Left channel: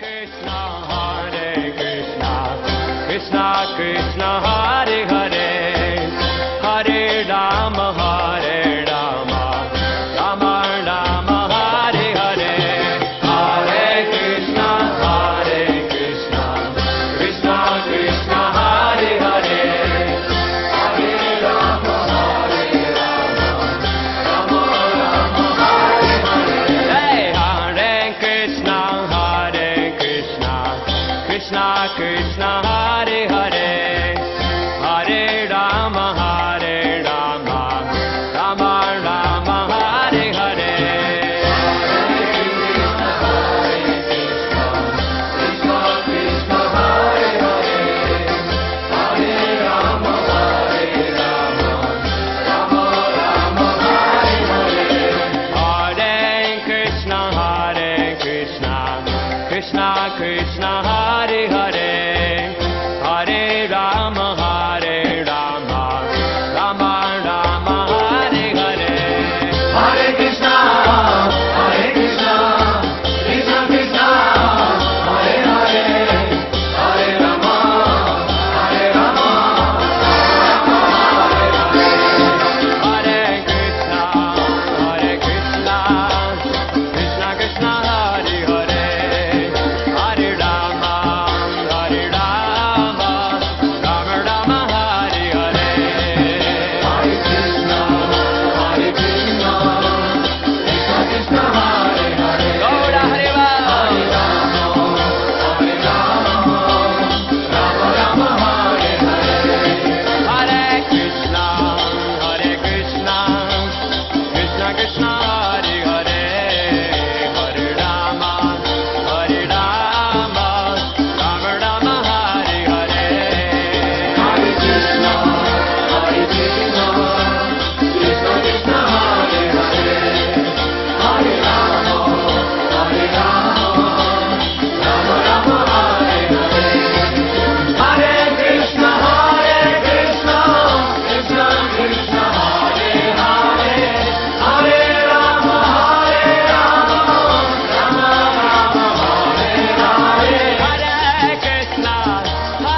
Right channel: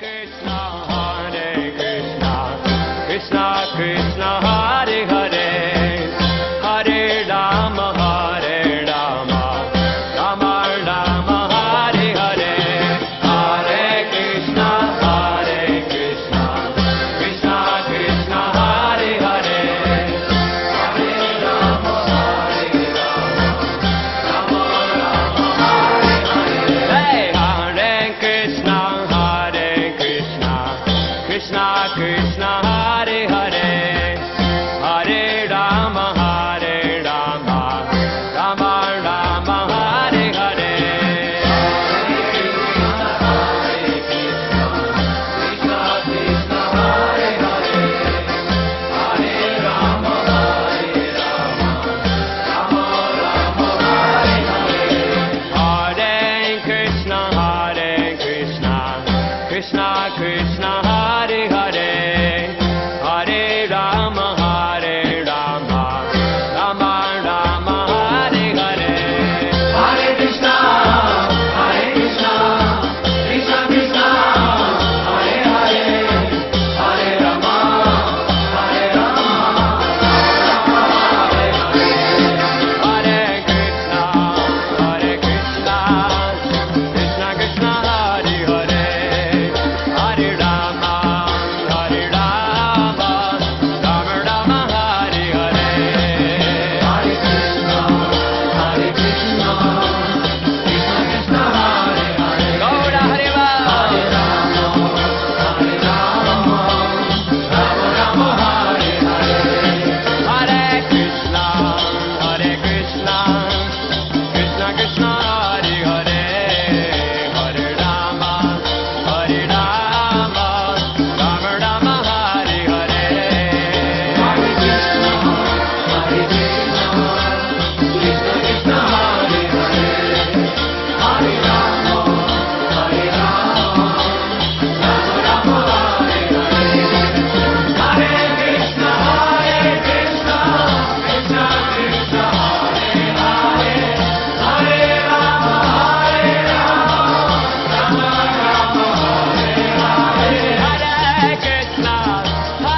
Krishna Krishna Hare Hare Hare Rama Hare Rama Rama Rama Hare Hare Hare Krishna Krishna Krishna Hare Hare Hey Hare Krishna Krishna Krishna Hare Hare Hare Rama Rama Rama Hare Hare Krishna Krishna Hare Hare Hare Rama Rama Rama Hare Hare Hare Krishna Krishna Krishna Hare Hare Hare Rama Hare Krishna Krishna Krishna Hare Hare Hare Rama Rama Rama Hare Hare Gaura Hariva Hare Krishna Krishna Krishna Hare Hare Hare Rama Rama Rama Hare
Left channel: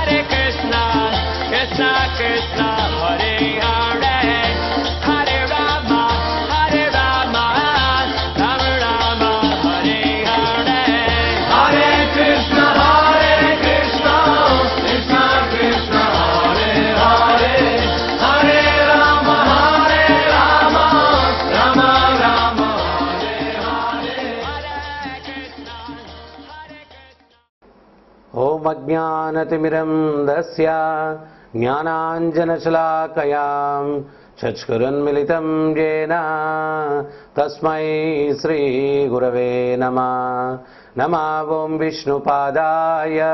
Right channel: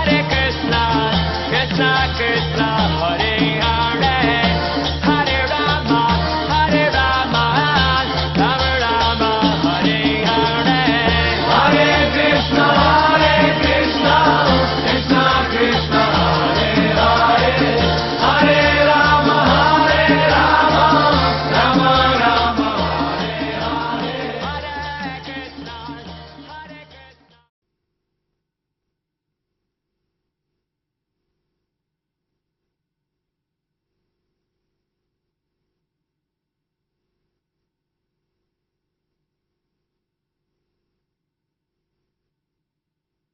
Hare Krishna Krishna Hare Hare Hare Rama Rama Rama Hare Hare Hare Krishna Krishna Krishna Hare Hare Hare Rama Rama Rama Hare Krishna Om Ajnanatimiram Dasya Jnananjanashalakayam Chachkurunmilitam Jena Tasmai Sri Gurave Namah Namah Om Vishnupadaya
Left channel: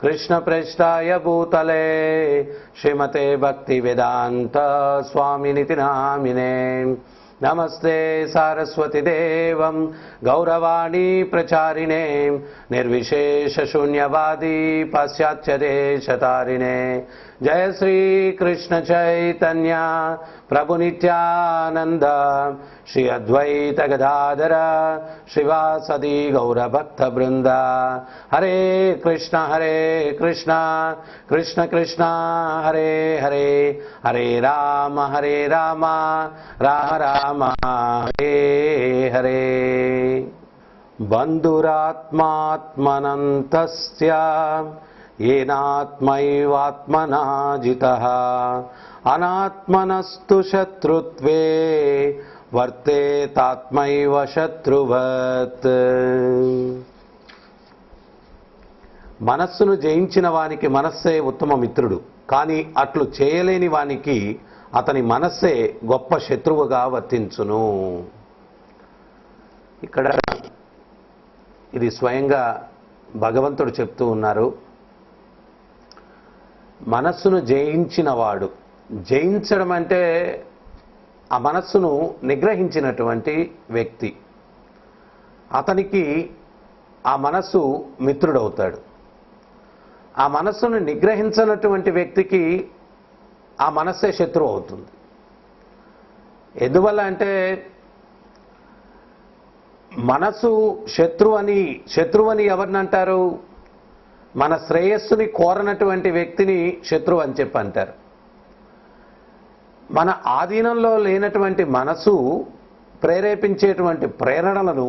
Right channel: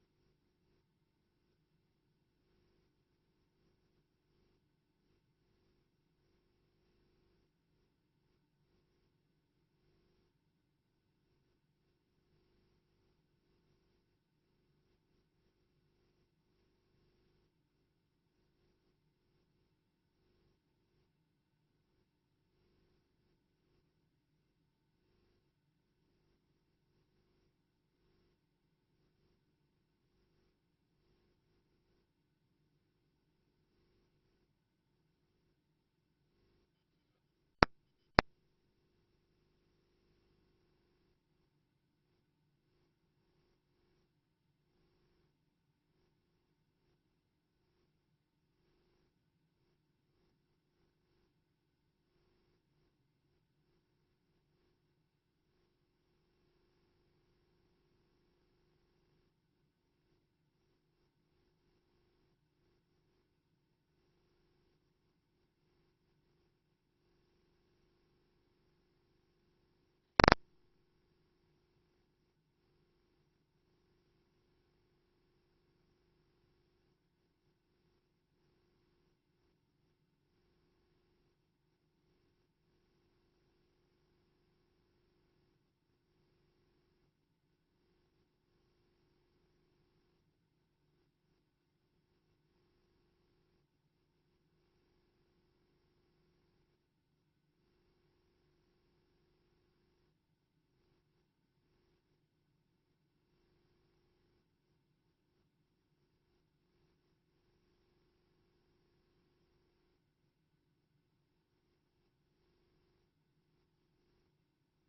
Krishna Preshtaya Bhutale Srimate Bhakti Vedanta Swami Niti Namine Namaste Saraswati Devam Gauravani Pracharine Nirvishesha Shunyavadi Pasyatya Deshatarine Jai Sri Krishna Chaitanya Prabhu Nityananda Shri Advaita Gadadara Shivasadi Gaura Bhakta Brinda Hare Krishna Krishna Krishna Hare Hare Hare Rama Rama Rama Hare Hare Bandhuratmatmanantasya Yenatmaivatmana jitaha Anatmanastu shatrutve Varte tatmaiva shatruvat మనస్సును జయించిన వానికి మనస్సే ఉత్తమ మిత్రుడు, కానీ అట్లు చేయలేని వానికి అతని మనస్సే గొప్ప శత్రువుగా వర్తించును. ఇక్కడ ఇది స్వయంగా భగవంతుడు చెప్తూ ఉన్నారు. మనస్సును జయించినవాడు, జయించడం అంటే ఆ మనస్సును నిగ్రహించినటువంటి వ్యక్తి, అతనికి ఆ మనస్సు మిత్రుడవుతాడు. ఆ మనస్సును నిగ్రహించినటువంటి వ్యక్తికి ఆ మనస్సే శత్రువు అవుతుంది. ఎందువల్ల అంటే మనసు శత్రువని ఎవరిని అంటారు? మన శ్రేయస్సుని కోరనటువంటి వ్యక్తిని శత్రువు అని చెప్పి అంటారు. మన ఆధీనంలో లేనటువంటి మనసు ప్రేరేపించేటువంటి ప్రేరణలను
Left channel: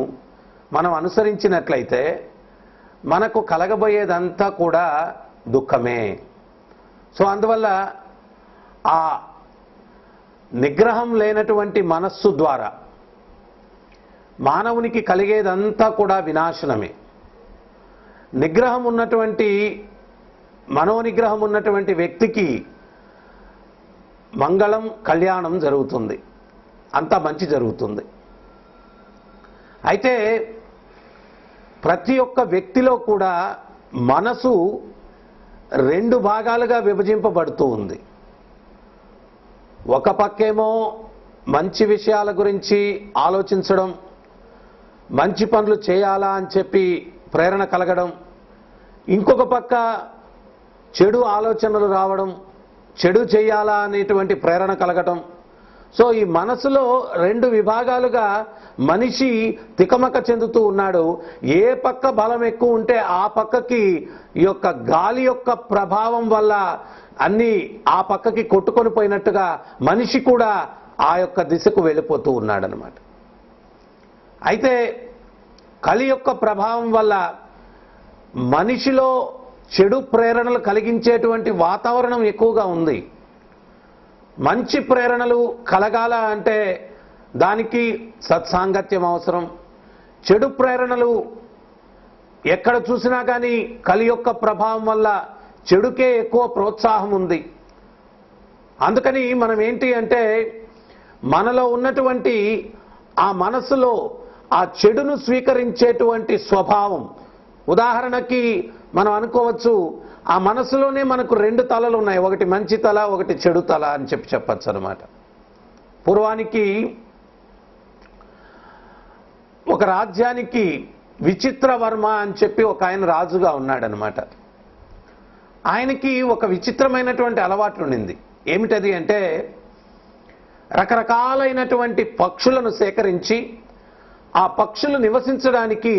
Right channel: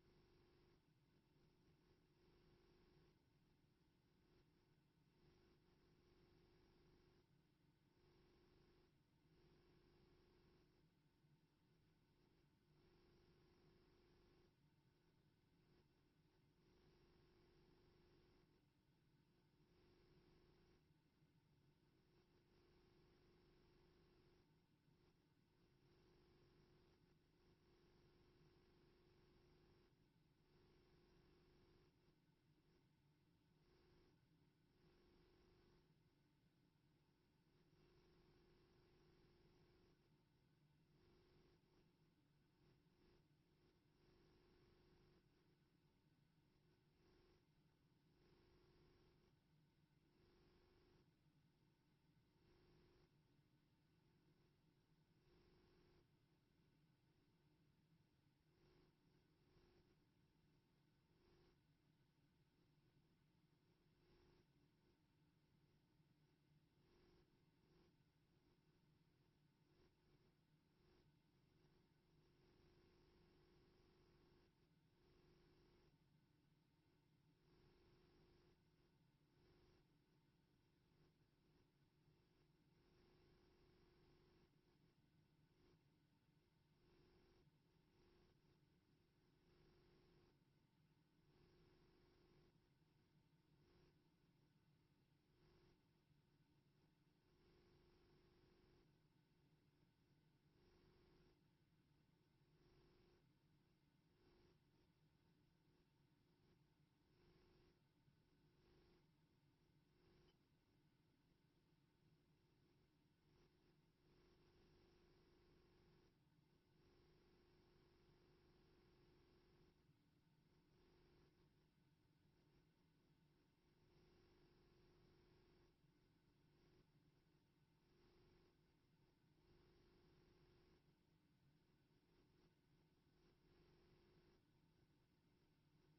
మనం అనుసరించినట్లయితే మనకు కలగబోయేదంతా కూడా దుఃఖమే. సో అందువల్ల ఆ నిగ్రహం లేనటువంటి మనస్సు ద్వారా మానవునికి కలిగేదంతా కూడా వినాశనమే. నిగ్రహం ఉన్నటువంటి మనోనిగ్రహం ఉన్నటువంటి వ్యక్తికి మంగళం, కళ్యాణం జరుగుతుంది, అంతా మంచి జరుగుతుంది. అయితే ప్రతి ఒక్క వ్యక్తిలో కూడా మనసు రెండు భాగాలుగా విభజింపబడుతూ ఉంది. ఒక పక్కేమో మంచి విషయాల గురించి ఆలోచించడం, మంచి పనులు చేయాలా అని చెప్పి ప్రేరణ కలగడం, ఇంకొక పక్క చెడు ఆలోచనలు రావడం, చెడు చేయాలా అనేటువంటి ప్రేరణ కలగటం. సో ఈ మనసులో రెండు విభాగాలుగా మనిషి తికమక చెందుతూ ఉన్నాడు. ఏ పక్క బలం ఎక్కువ ఉంటే ఆ పక్కకి ఈ యొక్క గాలి యొక్క ప్రభావం వల్ల అన్నీ ఆ పక్కకి కొట్టుకొని పోయినట్టుగా మనిషి కూడా ఆ యొక్క దిశకు వెళ్ళిపోతూ ఉన్నాడనమాట. అయితే కలి యొక్క ప్రభావం వల్ల మనిషిలో చెడు ప్రేరణలు కలిగించేటువంటి వాతావరణం ఎక్కువగా ఉంది. మంచి ప్రేరణలు కలగాల అంటే దానికి సత్సాంగత్యం అవసరం. చెడు ప్రేరణలు ఎక్కడ చూసినా కానీ కలి యొక్క ప్రభావం వల్ల చెడుకే ఎక్కువ ప్రోత్సాహం ఉంది. అందుకని మనం ఏంటి అంటే మనలో ఉన్నటువంటి ఆ మనసులో ఆ చెడును స్వీకరించేటువంటి స్వభావం, ఉదాహరణకి మనం అనుకోవచ్చు ఆ మనసులోనే మనకు రెండు తలలు ఉన్నాయి, ఒకటి మంచి తల, ఒకటి చెడు తల అని చెప్పచ్చు అనమాట. పూర్వానికి ఒక రాజ్యానికి విచిత్రవర్మ అని చెప్పి ఒక ఆయన రాజుగా ఉన్నాడనమాట. ఆయనకి ఒక విచిత్రమైనటువంటి అలవాటు ఉండింది. ఏమిటది అంటే రకరకాలైనటువంటి పక్షులను సేకరించి ఆ పక్షులు నివసించడానికి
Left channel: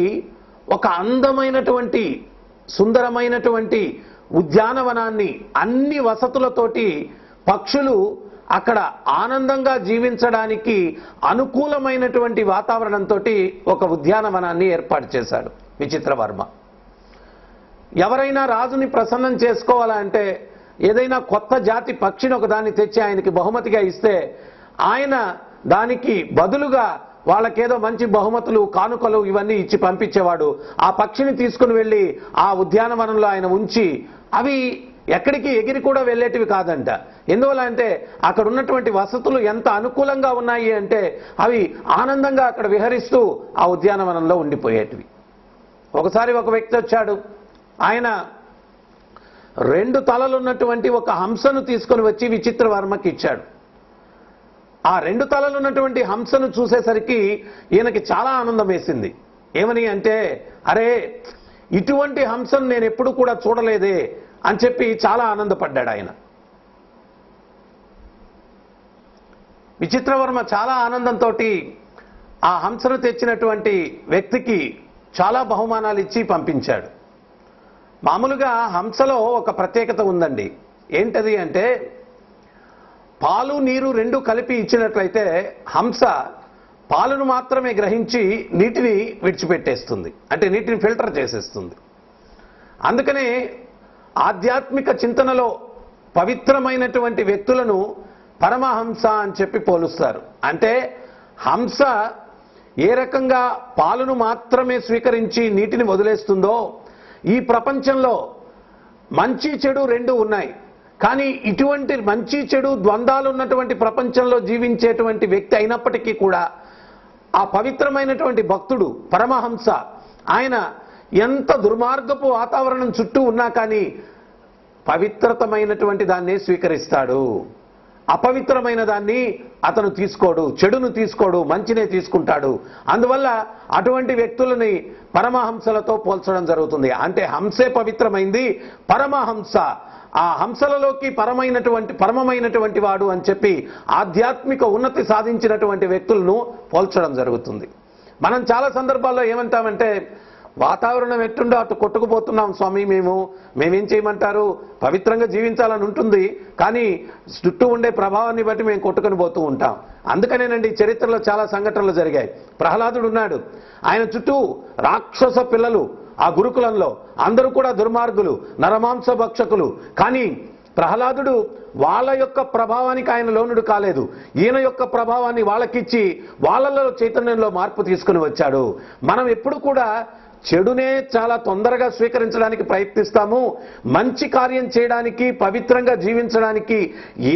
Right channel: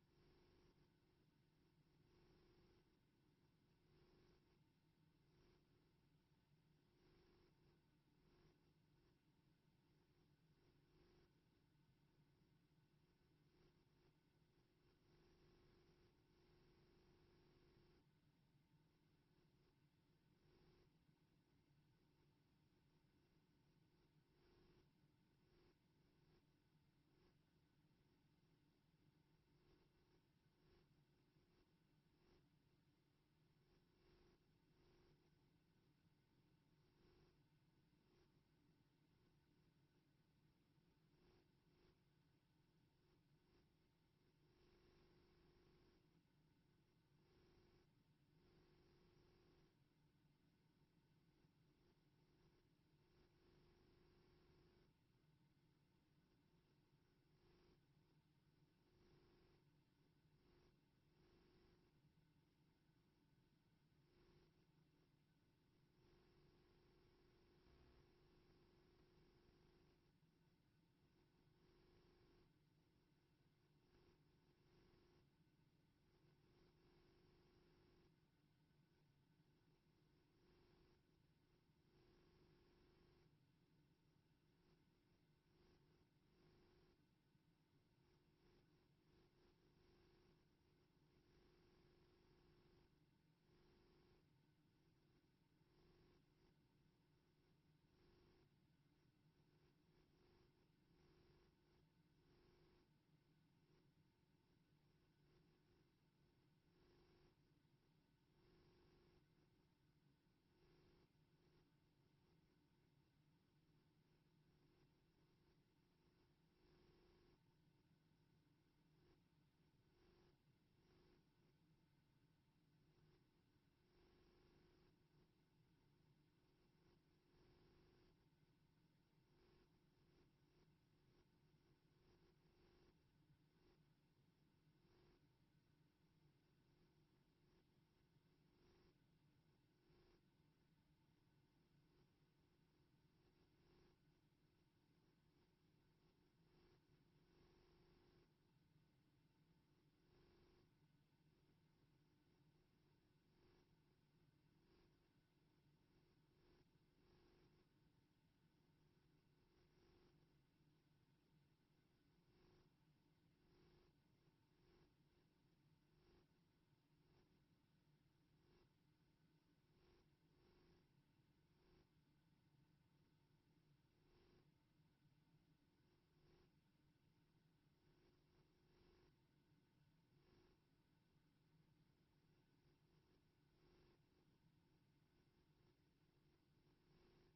ఒక అందమైనటువంటి సుందరమైనటువంటి ఉద్యానవనాన్ని అన్ని వసతులతోటి పక్షులు అక్కడ ఆనందంగా జీవించడానికి అనుకూలమైనటువంటి వాతావరణంతో ఒక ఉద్యానవనాన్ని ఏర్పాటు చేశాడు విచిత్రవర్మ. ఎవరైనా రాజుని ప్రసన్నం చేసుకోవాలంటే ఏదైనా కొత్త జాతి పక్షిని ఒకదాన్ని తెచ్చి ఆయనకి బహుమతిగా ఇస్తే ఆయన దానికి బదులుగా వాళ్ళకేదో మంచి బహుమతులు, కానుకలు ఇవన్నీ ఇచ్చి పంపించేవాడు. ఆ పక్షిని తీసుకుని వెళ్ళి ఆ ఉద్యానవనంలో ఆయన ఉంచి అవి ఎక్కడికి ఎగిరి కూడా వెళ్ళేటివి కాదంట. ఎందువల్ల అంటే అక్కడ ఉన్నటువంటి వసతులు ఎంత అనుకూలంగా ఉన్నాయి అంటే అవి ఆనందంగా అక్కడ విహరిస్తూ ఆ ఉద్యానవనంలో ఉండిపోయేటివి. ఒకసారి ఒక వ్యక్తి వచ్చాడు. ఆయన రెండు తలలున్నటువంటి ఒక హంసను తీసుకొని వచ్చి విచిత్రవర్మకి ఇచ్చాడు. ఆ రెండు తలలున్నటువంటి హంసను చూసేసరికి ఈయనకి చాలా ఆనందం వేసింది. ఏమని అంటే, అరే ఇటువంటి హంసను నేను ఎప్పుడు కూడా చూడలేదే అని చెప్పి చాలా ఆనందపడ్డాడు ఆయన. విచిత్రవర్మ చాలా ఆనందంతో ఆ హంసను తెచ్చినటువంటి వ్యక్తికి చాలా బహుమానాలు ఇచ్చి పంపించాడు. మామూలుగా హంసలో ఒక ప్రత్యేకత ఉందండి. ఏంటది అంటే పాలు నీరు రెండు కలిపి ఇచ్చినట్లయితే హంస పాలను మాత్రమే గ్రహించి నీటిని విడిచిపెట్టేస్తుంది, అంటే నీటిని ఫిల్టర్ చేసేస్తుంది. అందుకనే ఆధ్యాత్మిక చింతనలో పవిత్రమైనటువంటి వ్యక్తులను పరమహంస అని చెప్పి పోలుస్తారు. అంటే హంస ఏ రకంగా పాలను మాత్రమే స్వీకరించి నీటిని వదిలేస్తుందో ఈ ప్రపంచంలో మంచి చెడు రెండు ఉన్నాయి. కానీ ఇటువంటి మంచి చెడు ద్వంద్వాలు ఉన్నటువంటి ప్రపంచంలో జీవించేటువంటి వ్యక్తి అయినప్పటికీ కూడా ఆ పవిత్రమైనటువంటి భక్తుడు పరమహంస ఆయన ఎంత దుర్మార్గపు వాతావరణం చుట్టూ ఉన్నా కానీ పవిత్రతమైనటువంటి దాన్నే స్వీకరిస్తాడు. అపవిత్రమైన దాన్ని అతను తీసుకోడు, చెడును తీసుకోడు, మంచినే తీసుకుంటాడు. అందువల్ల అటువంటి వ్యక్తులని పరమహంసలతో పోల్చడం జరుగుతుంది. అంటే హంసే పవిత్రమైంది, పరమహంస ఆ హంసలలోకి పరమమైనటువంటి వాడు అని చెప్పి ఆధ్యాత్మిక ఉన్నతి సాధించినటువంటి వ్యక్తులను పోల్చడం జరుగుతుంది. మనం చాలా సందర్భాల్లో ఏమంటామంటే వాతావరణం ఎట్టుండో అటు కొట్టుకుపోతున్నాం స్వామి, మేమేం చేయమంటారు, పవిత్రంగా జీవించాలని ఉంటుంది, కానీ చుట్టూ ఉండే ప్రభావాన్ని బట్టి మేము కొట్టుకొని పోతూ ఉంటాం. అందుకనేనండి చరిత్రలో చాలా సంఘటనలు జరిగాయి. ప్రహ్లాదుడు ఉన్నాడు, ఆయన చుట్టూ రాక్షస పిల్లలు ఆ గురుకులంలో, అందరూ కూడా దుర్మార్గులు, నరమాంస భక్షకులు. కానీ ప్రహ్లాదుడు వాళ్ళ యొక్క ప్రభావానికి ఆయన లోనుడు కాలేదు. ఈయన యొక్క ప్రభావాన్ని వాళ్ళకిచ్చి వాళ్ళలో చైతన్యంలో మార్పు తీసుకుని వచ్చాడు. మనం ఎప్పుడు కూడా చెడునే చాలా తొందరగా స్వీకరించడానికి ప్రయత్నిస్తాము. మంచి కార్యం చేయడానికి, పవిత్రంగా జీవించడానికి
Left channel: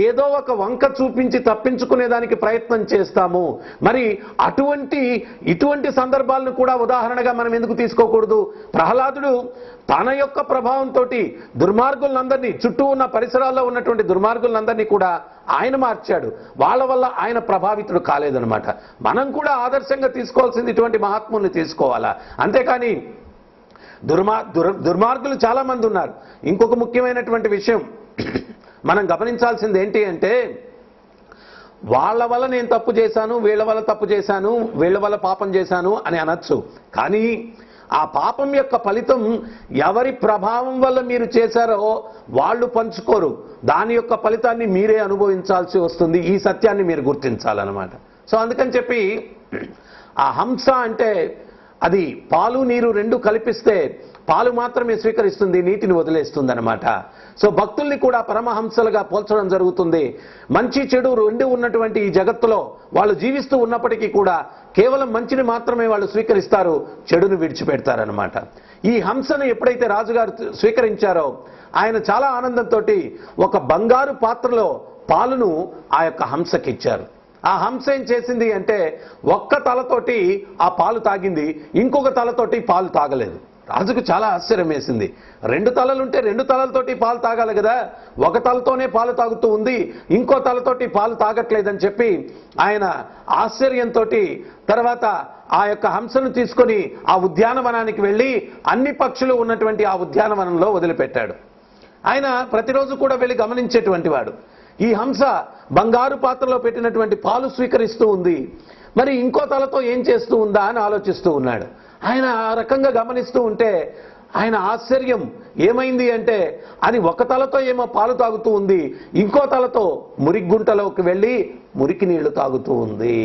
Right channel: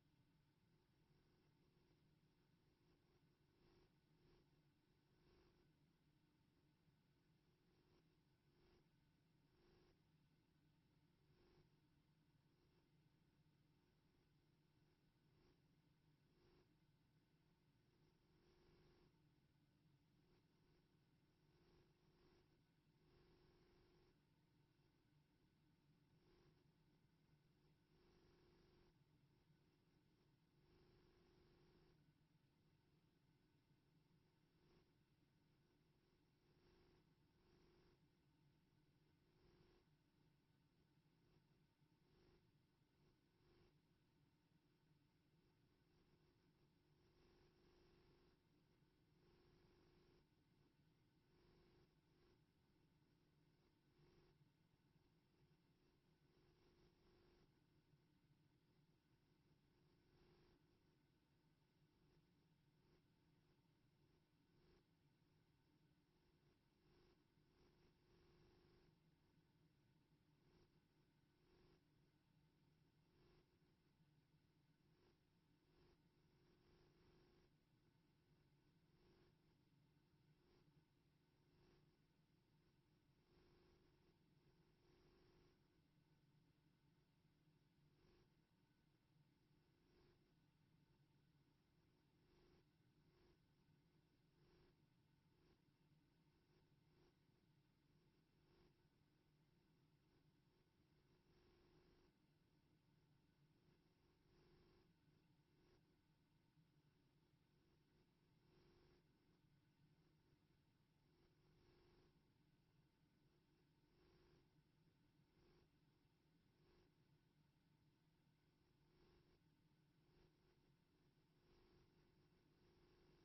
ఏదో ఒక వంక చూపించి తప్పించుకునేదానికి ప్రయత్నం చేస్తాము. మరి ఇటువంటి సందర్భాలను కూడా ఉదాహరణగా మనం ఎందుకు తీసుకోకూడదు? ప్రహ్లాదుడు తన యొక్క ప్రభావంతో దుర్మార్గులందరినీ, చుట్టూ ఉన్న పరిసరాల్లో ఉన్నటువంటి దుర్మార్గులందరినీ కూడా ఆయన మార్చాడు. వాళ్ళ వల్ల ఆయన ప్రభావితుడు కాలేదనమాట. మనం కూడా ఆదర్శంగా తీసుకోవాల్సింది ఇటువంటి మహాత్ముల్ని తీసుకోవాలా, అంతేకాని దుర్మార్గులు చాలా మంది ఉన్నారు. ఇంకొక ముఖ్యమైనటువంటి విషయం మనం గమనించాల్సింది ఏంటి అంటే, వాళ్ళ వల్ల నేను తప్పు చేశాను, వీళ్ళ వల్ల తప్పు చేశాను, వీళ్ళ వల్ల పాపం చేశాను అని అనొచ్చు. కానీ ఆ పాపం యొక్క ఫలితం ఎవరి ప్రభావం వల్ల మీరు చేశారో వాళ్ళు పంచుకోరు. దాని యొక్క ఫలితాన్ని మీరే అనుభవించాల్సి వస్తుంది. ఈ సత్యాన్ని మీరు గుర్తించాలన్నమాట. సో అందుకని చెప్పి ఆ హంస అంటే అది పాలు నీరు రెండు కల్పిస్తే పాలు మాత్రమే స్వీకరిస్తుంది, నీటిని వదిలేస్తుంది అనమాట. సో భక్తుల్ని కూడా పరమహంసలుగా పోల్చడం జరుగుతుంది. మంచి చెడు రెండు ఉన్నటువంటి ఈ జగత్తులో వాళ్ళు జీవిస్తూ ఉన్నప్పటికీ కూడా కేవలం మంచిని మాత్రమే వాళ్ళు స్వీకరిస్తారు, చెడును విడిచిపెడతారనమాట. ఈ హంసను ఎప్పుడైతే రాజుగారు స్వీకరించారో ఆయన చాలా ఆనందంతో ఒక బంగారు పాత్రలో పాలును ఆ యొక్క హంసకిచ్చారు. ఆ హంస ఏం చేసింది అంటే ఒక్క తలతోటి ఆ పాలు తాగింది, ఇంకొక తలతోటి పాలు తాగలేదు. రాజుకు చాలా ఆశ్చర్యం వేసింది. రెండు తలలుంటే రెండు తలలతోటి పాలు తాగాలి కదా, ఒక తలతోనే పాలు తాగుతూ ఉంది, ఇంకో తలతోటి పాలు తాగట్లేదని చెప్పి ఆయన ఆశ్చర్యంతో తర్వాత ఆ యొక్క హంసను తీసుకొని ఆ ఉద్యానవనానికి వెళ్ళి అన్ని పక్షులు ఉన్నటువంటి ఆ ఉద్యానవనంలో వదిలిపెట్టాడు. ఆయన ప్రతిరోజు కూడా వెళ్ళి గమనించేటువంటి వాడు. ఈ హంస బంగారు పాత్రలో పెట్టినటువంటి పాలు స్వీకరిస్తూ ఉంది, మరి ఇంకో తలతో ఏం చేస్తూ ఉందా అని ఆలోచిస్తూ ఉన్నాడు. ఆయన ఆ రకంగా గమనిస్తూ ఉంటే ఆయన ఆశ్చర్యం ఏమైంది అంటే అది ఒక తలతో ఏమో పాలు తాగుతూ ఉంది, ఇంకో తలతో మురిగుంటలోకి వెళ్ళి మురికి నీళ్లు తాగుతూ ఉంది.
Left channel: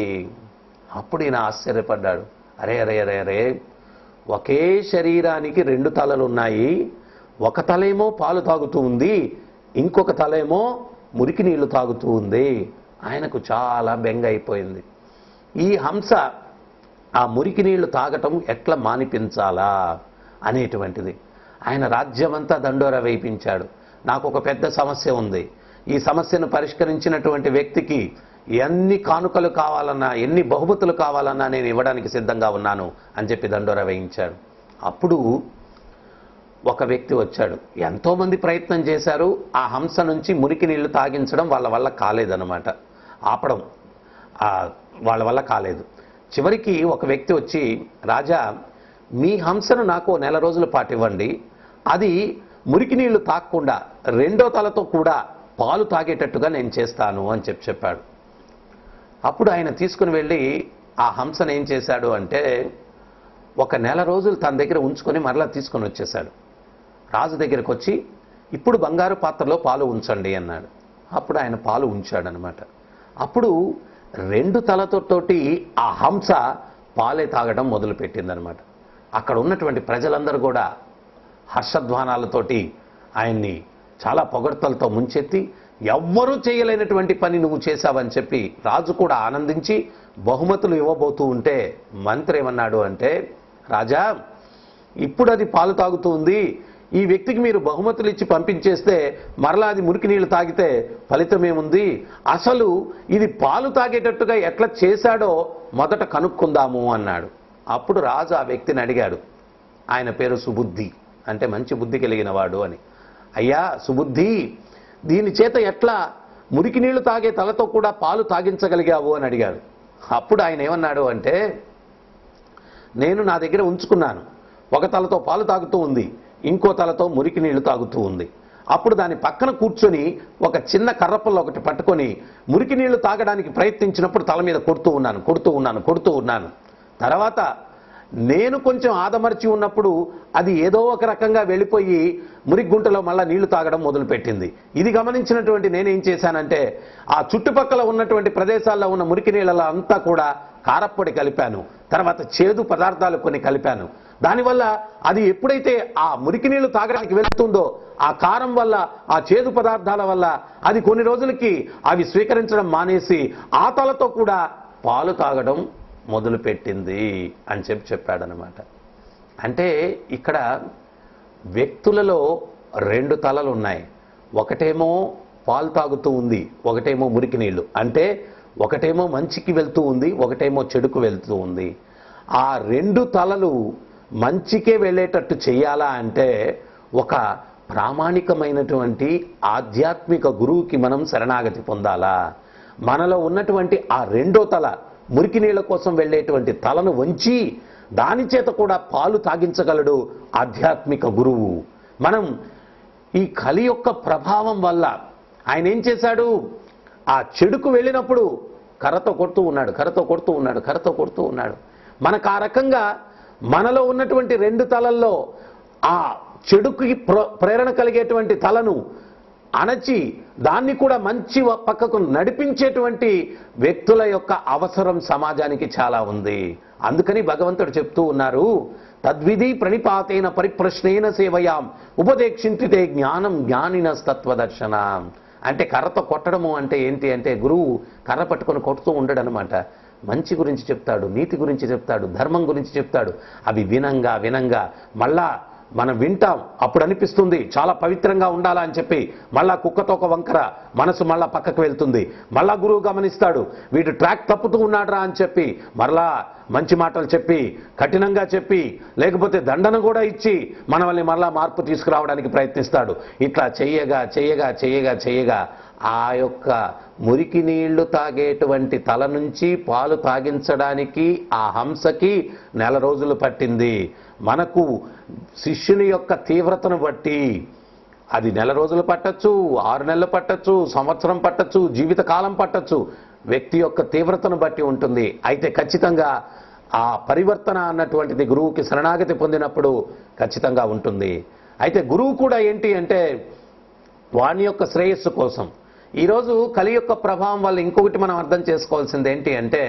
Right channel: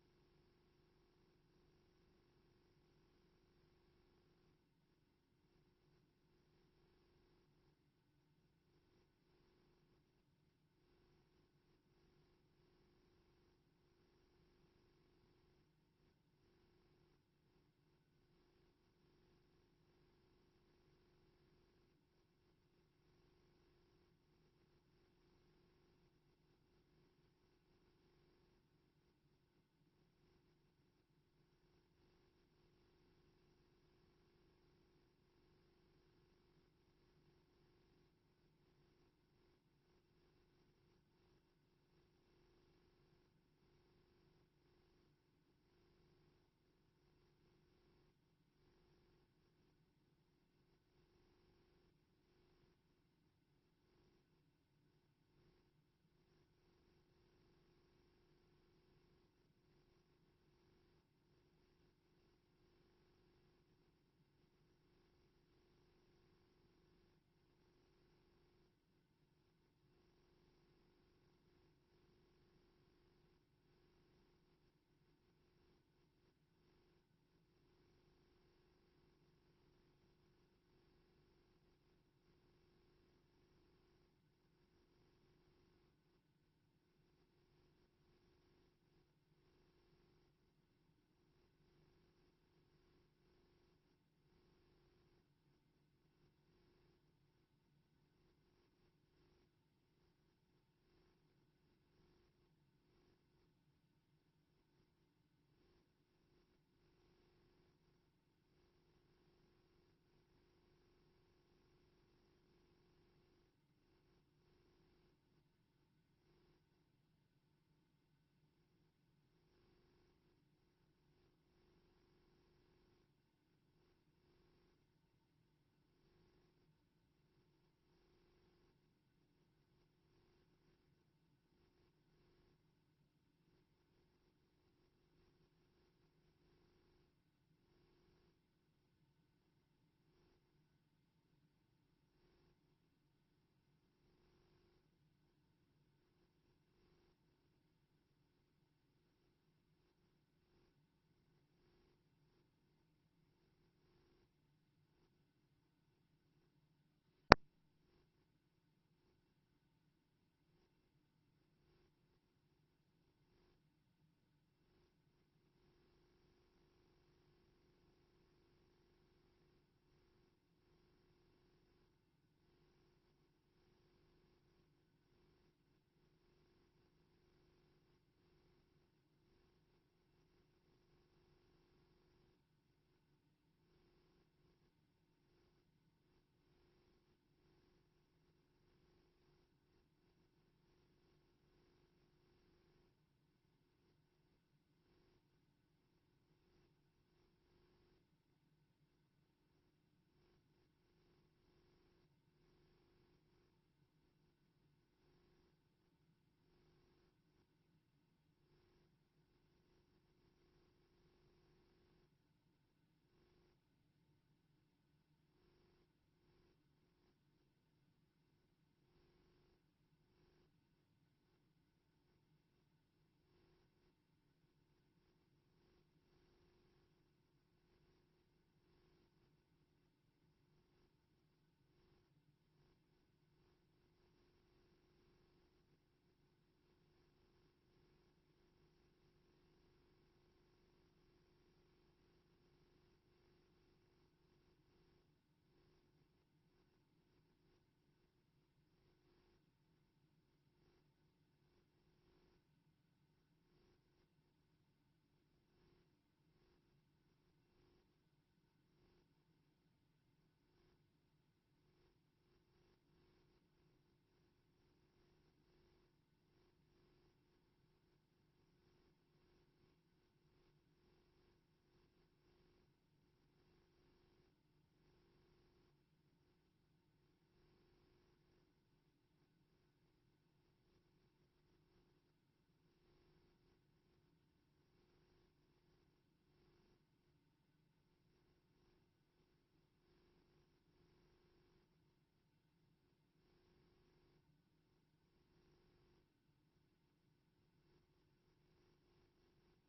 అప్పుడు ఈయన ఆశ్చర్యపడ్డాడు. అరే అరే అరే అరే ఒకే శరీరానికి రెండు తలలు ఉన్నాయి, ఒక తలేమో పాలు తాగుతూ ఉంది, ఇంకొక తలేమో మురికి నీళ్లు తాగుతూ ఉంది. ఆయనకు చాలా బెంగ అయిపోయింది. ఈ హంస ఆ మురికి నీళ్లు తాగటం ఎట్లా మానిపించాలా అనేటువంటిది ఆయన రాజ్యమంతా దండోరా వేయించాడు. నాకు ఒక పెద్ద సమస్య ఉంది, ఈ సమస్యను పరిష్కరించినటువంటి వ్యక్తికి ఎన్ని కానుకలు కావాలన్నా, ఎన్ని బహుమతులు కావాలన్నా నేను ఇవ్వడానికి సిద్ధంగా ఉన్నాను అని చెప్పి దండోరా వేయించాడు. అప్పుడు ఒక వ్యక్తి వచ్చాడు. ఎంతోమంది ప్రయత్నం చేశారు, ఆ హంస నుంచి మురికి నీళ్లు తాగించడం వాళ్ళ వల్ల కాలేదన్నమాట, ఆపడం వాళ్ళ వల్ల కాలేదు. చివరికి ఒక వ్యక్తి వచ్చి, రాజా మీ హంసను నాకు నెల రోజుల పాటు ఇవ్వండి, అది మురికి నీళ్లు తాగకుండా రెండో తలతో కూడా పాలు తాగేటట్టుగా నేను చేస్తాను అని చెప్పాడు. అప్పుడు ఆయన తీసుకుని వెళ్ళి ఆ హంసను ఏం చేశాడు అంటే ఒక నెల రోజులు తన దగ్గర ఉంచుకొని మరలా తీసుకొని వచ్చేశాడు. రాజు దగ్గరికి వచ్చి ఇప్పుడు బంగారు పాత్రలో పాలు ఉంచండి అన్నాడు. అప్పుడు ఆయన పాలు ఉంచాడనమాట. అప్పుడు రెండు తలతోటి ఆ హంస పాలే తాగడం మొదలుపెట్టిందనమాట. అక్కడ ఉన్నటువంటి ప్రజలందరూ కూడా హర్షధ్వానాలతోటి ఆయన్ని చాలా పొగడ్తలతో ముంచెత్తి ఎవ్వరూ చేయలేనటువంటి పని నువ్వు చేశావని చెప్పి రాజు కూడా ఆనందించి బహుమతులు ఇవ్వబోతూ ఉంటే మంత్రి ఏమన్నాడు అంటే, రాజా ఇప్పుడు అది పాలు తాగుతూ ఉంది, ఈ వ్యక్తికి మీరు బహుమతులు ఇచ్చి పంపించేస్తే మరలా అది మురికి నీళ్లు తాగితే ఫలితం ఏముంది, అసలు ఇది పాలు తాగేటట్టుగా ఎట్లా చేశాడో మొదట కనుక్కుందాము అన్నాడు. అప్పుడు రాజు ఆ వ్యక్తిని అడిగాడు. ఆయన పేరు సుబుద్ధి, అంటే మంచి బుద్ధి కలిగిన వాడు అని. అయ్యా సుబుద్ధి, దీని చేత ఎట్లా మురికి నీళ్లు తాగే తలతో కూడా పాలు తాగించగలిగావు అని అడిగాడు. అప్పుడు ఆయన ఏమన్నాడు అంటే, నేను నా దగ్గర ఉంచుకున్నాను, ఒక తలతో పాలు తాగుతూ ఉంది, ఇంకో తలతో మురికి నీళ్లు తాగుతూ ఉంది. అప్పుడు దాని పక్కన కూర్చొని ఒక చిన్న కర్రపల్లో ఒకటి పట్టుకొని మురికి నీళ్లు తాగడానికి ప్రయత్నించినప్పుడు తల మీద కొడుతూ ఉన్నాను. తర్వాత నేను కొంచెం ఆదమర్చి ఉన్నప్పుడు అది ఏదో ఒక రకంగా వెళ్ళిపోయి మురిగుంటలో మళ్ళా నీళ్లు తాగడం మొదలుపెట్టింది. ఇది గమనించినటువంటి నేనేం చేశానంటే ఆ చుట్టుపక్కల ఉన్నటువంటి ప్రదేశాల్లో ఉన్న మురికి నీళ్ళలో అంతా కూడా కారప్పొడి కలిపాను, తర్వాత చేదు పదార్థాలు కొన్ని కలిపాను. దానివల్ల అది ఎప్పుడైతే ఆ మురికి నీళ్లు తాగడానికి వెళుతుందో ఆ కారం వల్ల, ఆ చేదు పదార్థాల వల్ల అది కొన్ని రోజులకి అవి స్వీకరించడం మానేసి ఆ తలతో కూడా పాలు తాగడం మొదలుపెట్టింది అని చెప్పాడనమాట. అంటే ఇక్కడ వ్యక్తులలో రెండు తలలు ఉన్నాయి. ఒకటేమో పాలు తాగుతూ ఉంది, ఒకటేమో మురికి నీళ్లు. అంటే ఒకటేమో మంచికి వెళ్తూ ఉంది, ఒకటేమో చెడుకు వెళ్తూ ఉంది. ఆ రెండు తలలు మంచికే వెళ్ళేటట్టు చేయాలా అంటే ఒక ప్రామాణికమైనటువంటి ఆధ్యాత్మిక గురువుకి మనం శరణాగతి పొందాలా. మనలో ఉన్నటువంటి ఆ రెండో తల మురికి నీళ్ల కోసం వెళ్ళేటువంటి తలను వంచి దాని చేత కూడా పాలు తాగించగలడు ఆధ్యాత్మిక గురువు. మనం ఈ కలి యొక్క ప్రభావం వల్ల ఆయన ఏం చేశాడు, ఆ చెడుకు వెళ్ళినప్పుడు కర్రతో కొడుతూ ఉన్నాడు. మనకు ఆ రకంగా మనలో ఉన్నటువంటి రెండు తలల్లో ఆ చెడుకి ప్రేరణ కలిగేటువంటి తలను అణచి దాన్ని కూడా మంచి పక్కకు నడిపించేటువంటి వ్యక్తుల యొక్క అవసరం సమాజానికి చాలా ఉంది. అందుకని భగవంతుడు చెప్తూ ఉన్నారు, తద్విధి ప్రణిపాతేన పరిప్రశ్నేన సేవయాం ఉపదేక్షించితే జ్ఞానం జ్ఞానినస్తత్వదర్శనం. అంటే కర్రతో కొట్టడము అంటే ఏంటి అంటే గురువు కర్ర పట్టుకొని కొడుతూ ఉండడు అనమాట. మంచి గురించి చెప్తాడు, నీతి గురించి చెప్తాడు, ధర్మం గురించి చెప్తాడు. అవి వినంగా మళ్ళా మనం వింటాం, అప్పుడు అనిపిస్తుంది చాలా పవిత్రంగా ఉండాలా అని చెప్పి మళ్ళా కుక్కతో ఒక వంకర మనసు మళ్ళా పక్కకు వెళ్తుంది. మళ్ళా గురువు గమనిస్తాడు, వీడు ట్రాక్ తప్పుతూ ఉన్నాడురా అని చెప్పి మరలా మంచి మాటలు చెప్పి కఠినంగా చెప్పి లేకపోతే దండన కూడా ఇచ్చి మనల్ని మళ్ళా మార్పు తీసుకురావడానికి ప్రయత్నిస్తాడు. ఇట్లా చెయ్యగా ఆ యొక్క మురికి నీళ్లు తాగేటువంటి తల నుంచి పాలు తాగించడానికి ఆ హంసకి 1 నెల రోజులు పట్టింది. మనకు శిష్యుని యొక్క తీవ్రతను బట్టి అది 1 నెల రోజులు పట్టచ్చు, 6 నెలలు పట్టచ్చు, సంవత్సరం పట్టచ్చు, జీవితకాలం పట్టచ్చు. వ్యక్తి యొక్క తీవ్రతను బట్టి ఉంటుంది. అయితే ఖచ్చితంగా ఆ పరివర్తన అన్నటువంటిది గురువుకి శరణాగతి పొందినప్పుడు ఖచ్చితంగా ఉంటుంది. అయితే గురువు కూడా ఏంటి అంటే వాని యొక్క శ్రేయస్సు కోసం. ఈరోజు కలి యొక్క ప్రభావం వల్ల ఇంకొకటి మనం అర్థం చేసుకోవాల్సింది ఏంటి అంటే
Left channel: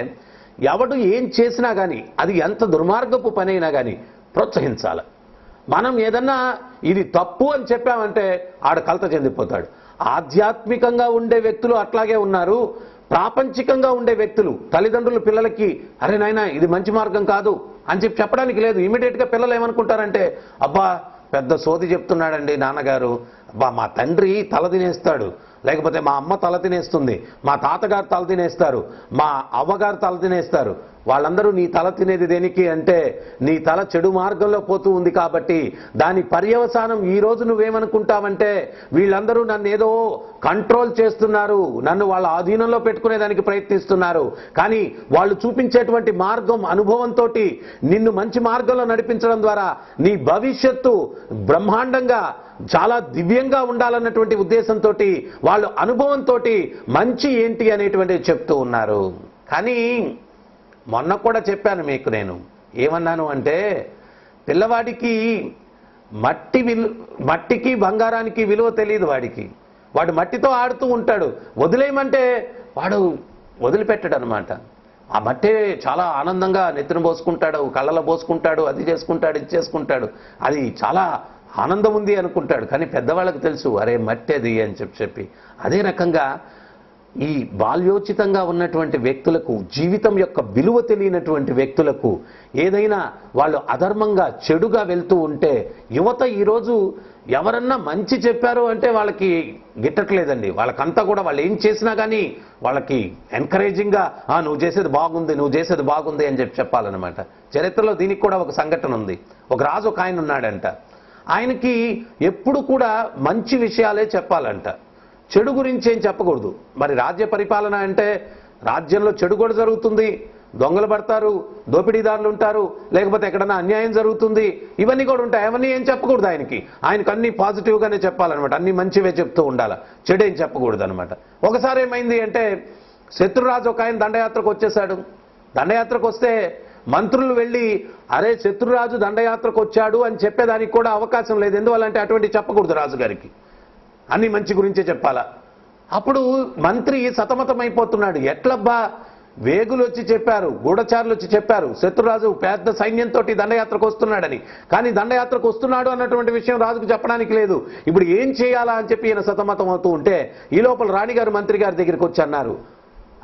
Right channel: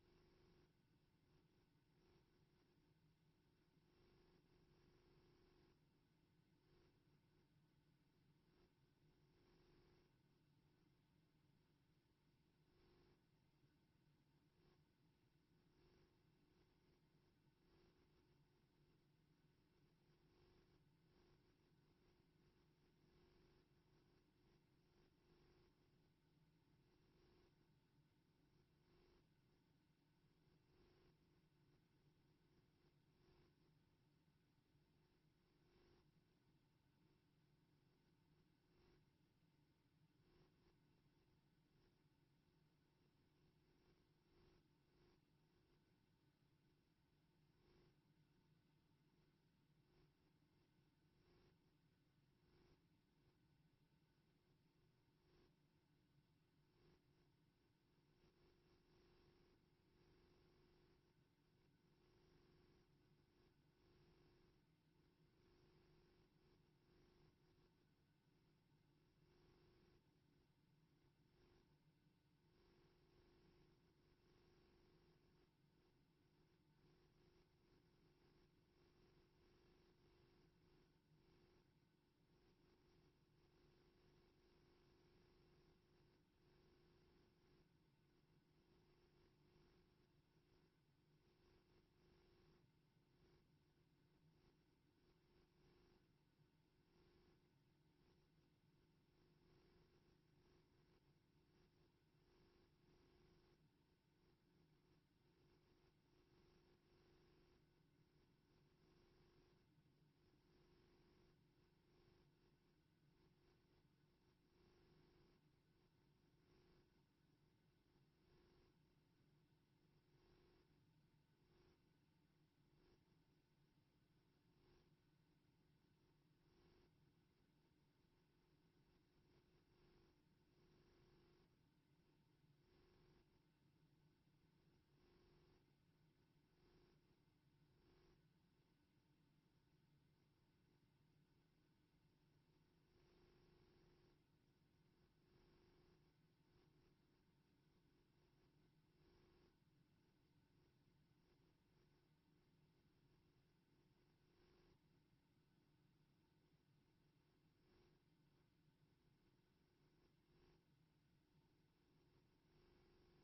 ఎవడు ఏం చేసినా కానీ అది ఎంత దుర్మార్గపు పని అయినా కానీ ప్రోత్సహించాలి. మనం ఏదన్నా ఇది తప్పు అని చెప్పామంటే ఆడ కలత చెందిపోతాడు. ఆధ్యాత్మికంగా ఉండే వ్యక్తులు అట్లాగే ఉన్నారు. ప్రాపంచికంగా ఉండే వ్యక్తులు తల్లిదండ్రులు పిల్లలకి అరే నాయనా ఇది మంచి మార్గం కాదు అని చెప్పడానికి లేదు. ఇమీడియట్గా పిల్లలు ఏమనుకుంటారంటే అబ్బా పెద్ద సోది చెప్తున్నాడండి నాన్నగారు, అబ్బా మా తండ్రి తల తినేస్తాడు, లేకపోతే మా అమ్మ తల తినేస్తుంది, మా తాతగారు తల తినేస్తారు, మా అవ్వగారు తల తినేస్తారు. వాళ్ళందరూ నీ తల తినేది దేనికి అంటే నీ తల చెడు మార్గంలో పోతూ ఉంది కాబట్టి దాని పర్యవసానం ఈ రోజు నువ్వేమనుకుంటావంటే వీళ్ళందరూ నన్ను ఏదో కంట్రోల్ చేస్తున్నారు, నన్ను వాళ్ళ ఆధీనంలో పెట్టుకునేదానికి ప్రయత్నిస్తున్నారు. కానీ వాళ్ళు చూపించేటువంటి మార్గం అనుభవంతో నిన్ను మంచి మార్గంలో నడిపించడం ద్వారా నీ భవిష్యత్తు బ్రహ్మాండంగా చాలా దివ్యంగా ఉండాలన్నటువంటి ఉద్దేశంతో వాళ్ళు అనుభవంతో మంచి ఏంటి అనేటువంటిది చెప్తూ ఉన్నారు. కానీ మొన్న కూడా చెప్పాను మీకు, నేను ఏమన్నాను అంటే పిల్లవాడికి మట్టికి బంగారానికి విలువ తెలియదు. వాడు మట్టితో ఆడుతూ ఉంటాడు, వదిలేయమంటే వాడు వదిలిపెట్టాడు అనమాట. ఆ మట్టే చాలా ఆనందంగా నెత్తిన పోసుకుంటాడు, కళ్ళలో పోసుకుంటాడు, అది చేసుకుంటాడు, ఇది చేసుకుంటాడు, అది చాలా ఆనందం ఉంది అనుకుంటాడు. కానీ పెద్దవాళ్ళకి తెలుసు అరే మట్టి అది అని చెప్పి. అదే రకంగా ఈ బాల్యోచితంగా ఉన్నటువంటి వ్యక్తులకు, జీవితం యొక్క విలువ తెలియనటువంటి వ్యక్తులకు, ఏదైనా వాళ్ళు అధర్మంగా చెడుగా వెళ్తూ ఉంటే యువత ఈరోజు ఎవరన్నా మంచి చెప్పారు అంటే వాళ్ళకి గిట్టట్లేదండి. వాళ్ళకంతా కూడా వాళ్ళు ఏం చేసినా కానీ వాళ్ళకి ఎంకరేజింగ్గా నువ్వు చేసేది బాగుంది అని చెప్పాలన్నమాట. చరిత్రలో దీనికి కూడా ఒక సంఘటన ఉంది. ఒక రాజు ఒక ఆయన ఉన్నాడంట. ఆయనకి ఎప్పుడు కూడా మంచి విషయాలే చెప్పాలంట, చెడు గురించి ఏం చెప్పకూడదు. మరి రాజ్య పరిపాలన అంటే రాజ్యంలో చెడు కూడా జరుగుతుంది, దొంగలు పడతారు, దోపిడీదారులు ఉంటారు, లేకపోతే ఎక్కడన్నా అన్యాయం జరుగుతుంది, ఇవన్నీ కూడా ఉంటాయి. అవన్నీ ఏం చెప్పకూడదు. ఆయనకు అన్ని పాజిటివ్గానే చెప్పాలన్నమాట, అన్ని మంచివే చెప్తూ ఉండాలి, చెడేం చెప్పకూడదు అనమాట. ఒకసారి ఏమైంది అంటే శత్రురాజు ఒక ఆయన దండయాత్రకు వచ్చేసాడు. దండయాత్రకు వస్తే మంత్రులు వెళ్ళి అరే శత్రురాజు దండయాత్రకు వచ్చాడు అని చెప్పేదానికి కూడా అవకాశం లేదు. ఎందువల్లంటే అటువంటి చెప్పకూడదు రాజుగారికి, అన్ని మంచి గురించే చెప్పాలా. అప్పుడు మంత్రి సతమతమైపోతున్నాడు. ఎట్లబ్బా, వేగులు వచ్చి చెప్పారు, గూఢచారులు వచ్చి చెప్పారు శత్రురాజు పెద్ద సైన్యంతో దండయాత్రకు వస్తున్నాడని, కానీ దండయాత్రకు వస్తున్నాడు అన్నటువంటి విషయం రాజుకు చెప్పడానికి లేదు. ఇప్పుడు ఏం చేయాలా అని చెప్పి ఈయన సతమతం అవుతూ ఉంటే ఈ లోపల రాణిగారు మంత్రి గారి దగ్గరికి వచ్చి అన్నారు,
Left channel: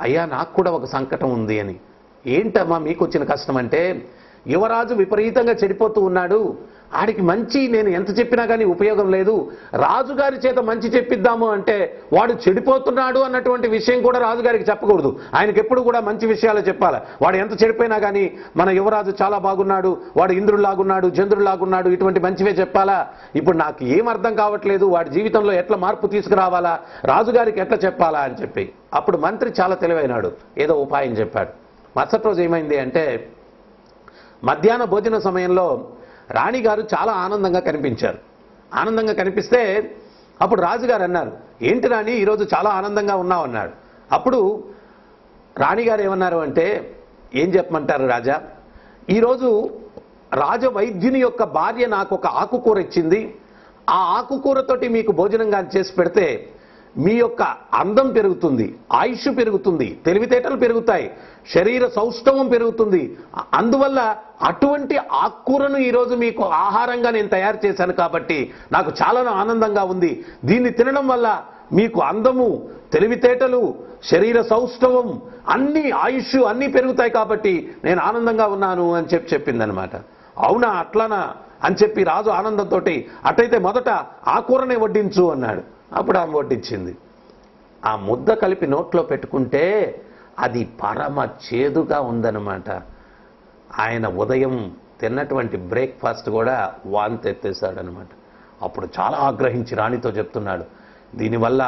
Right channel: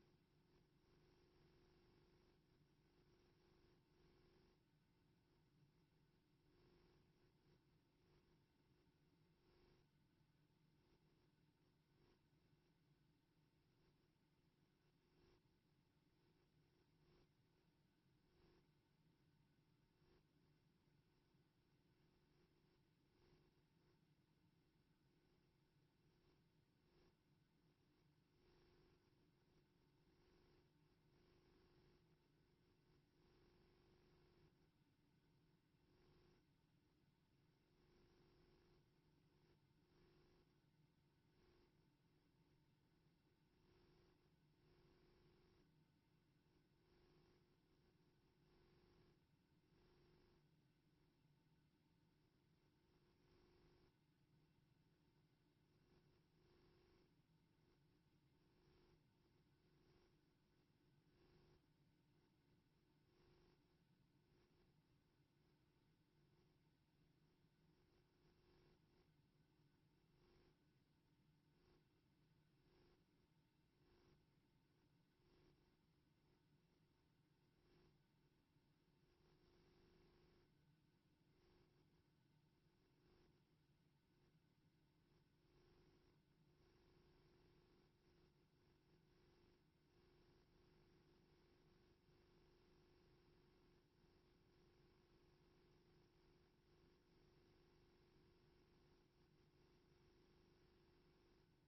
అయ్యా నాకు కూడా ఒక సంకటం ఉంది అని. ఏంటమ్మా మీకు వచ్చిన కష్టం అంటే, యువరాజు విపరీతంగా చెడిపోతూ ఉన్నాడు, ఆడికి మంచి నేను ఎంత చెప్పినా కానీ ఉపయోగం లేదు, రాజుగారి చేత మంచి చెప్పిద్దాము అంటే వాడు చెడిపోతున్నాడు అన్నటువంటి విషయం కూడా రాజుగారికి చెప్పకూడదు. ఆయనకి ఎప్పుడు కూడా మంచి విషయాలు చెప్పాలి. వాడు ఎంత చెడిపోయినా కానీ మన యువరాజు చాలా బాగున్నాడు, వాడు ఇంద్రుడిలాగున్నాడు, చంద్రుడిలాగున్నాడు, ఇటువంటి మంచివే చెప్పాలా. ఇప్పుడు నాకు ఏం అర్థం కావట్లేదు, వాడి జీవితంలో ఎట్లా మార్పు తీసుకురావాలా, రాజుగారికి ఎట్లా చెప్పాలా అని చెప్పి. అప్పుడు మంత్రి చాలా తెలివైనాడు, ఏదో ఉపాయం చెప్పాడు. మరుసటి రోజు ఏమైంది అంటే, మధ్యాహ్న భోజన సమయంలో రాణిగారు చాలా ఆనందంగా కనిపించారు. ఆనందంగా కనిపిస్తే అప్పుడు రాజుగారు అన్నారు, ఏంటి రాణి ఈరోజు చాలా ఆనందంగా ఉన్నావు అన్నాడు. అప్పుడు రాణిగారు ఏమన్నారు అంటే, ఏం చెప్పమంటారు రాజా, ఈరోజు రాజవైద్యుని యొక్క భార్య నాకు ఒక ఆకుకూర ఇచ్చింది, ఆ ఆకుకూరతోటి మీకు భోజనంగా చేసి పెడితే మీ యొక్క అందం పెరుగుతుంది, ఆయుష్ పెరుగుతుంది, తెలివితేటలు పెరుగుతాయి, శరీర సౌష్ఠవం పెరుగుతుంది. అందువల్ల అటువంటి ఆకుకూరను ఈరోజు మీకు ఆహారంగా నేను తయారు చేశాను కాబట్టి నాకు చాలా ఆనందంగా ఉంది. దీన్ని తినడం వల్ల మీకు అందము, తెలివితేటలు, శరీర సౌష్ఠవం, అన్ని ఆయుష్ అన్నీ పెరుగుతాయి కాబట్టి నేను ఆనందంగా ఉన్నాను అని చెప్పిందనమాట. అవునా అట్లానా అని చెప్పి రాజు ఆనందంతో, అటైతే మొదట ఆ కూరనే వడ్డించు అన్నాడు. అప్పుడు ఆమె వడ్డించింది. ఆ ముద్ద కలిపి నోట్లో పెట్టుకుంటే అది పరమ చేదుగా ఉందన్నమాట. ఆయన ఉదయం తిన్నటువంటి బ్రేక్ఫాస్ట్ కూడా వాంతి ఎత్తేసాడనమాట. అప్పుడు చాలా ఆగ్రహించి రాణితో చెప్తున్నాడు, దీనివల్ల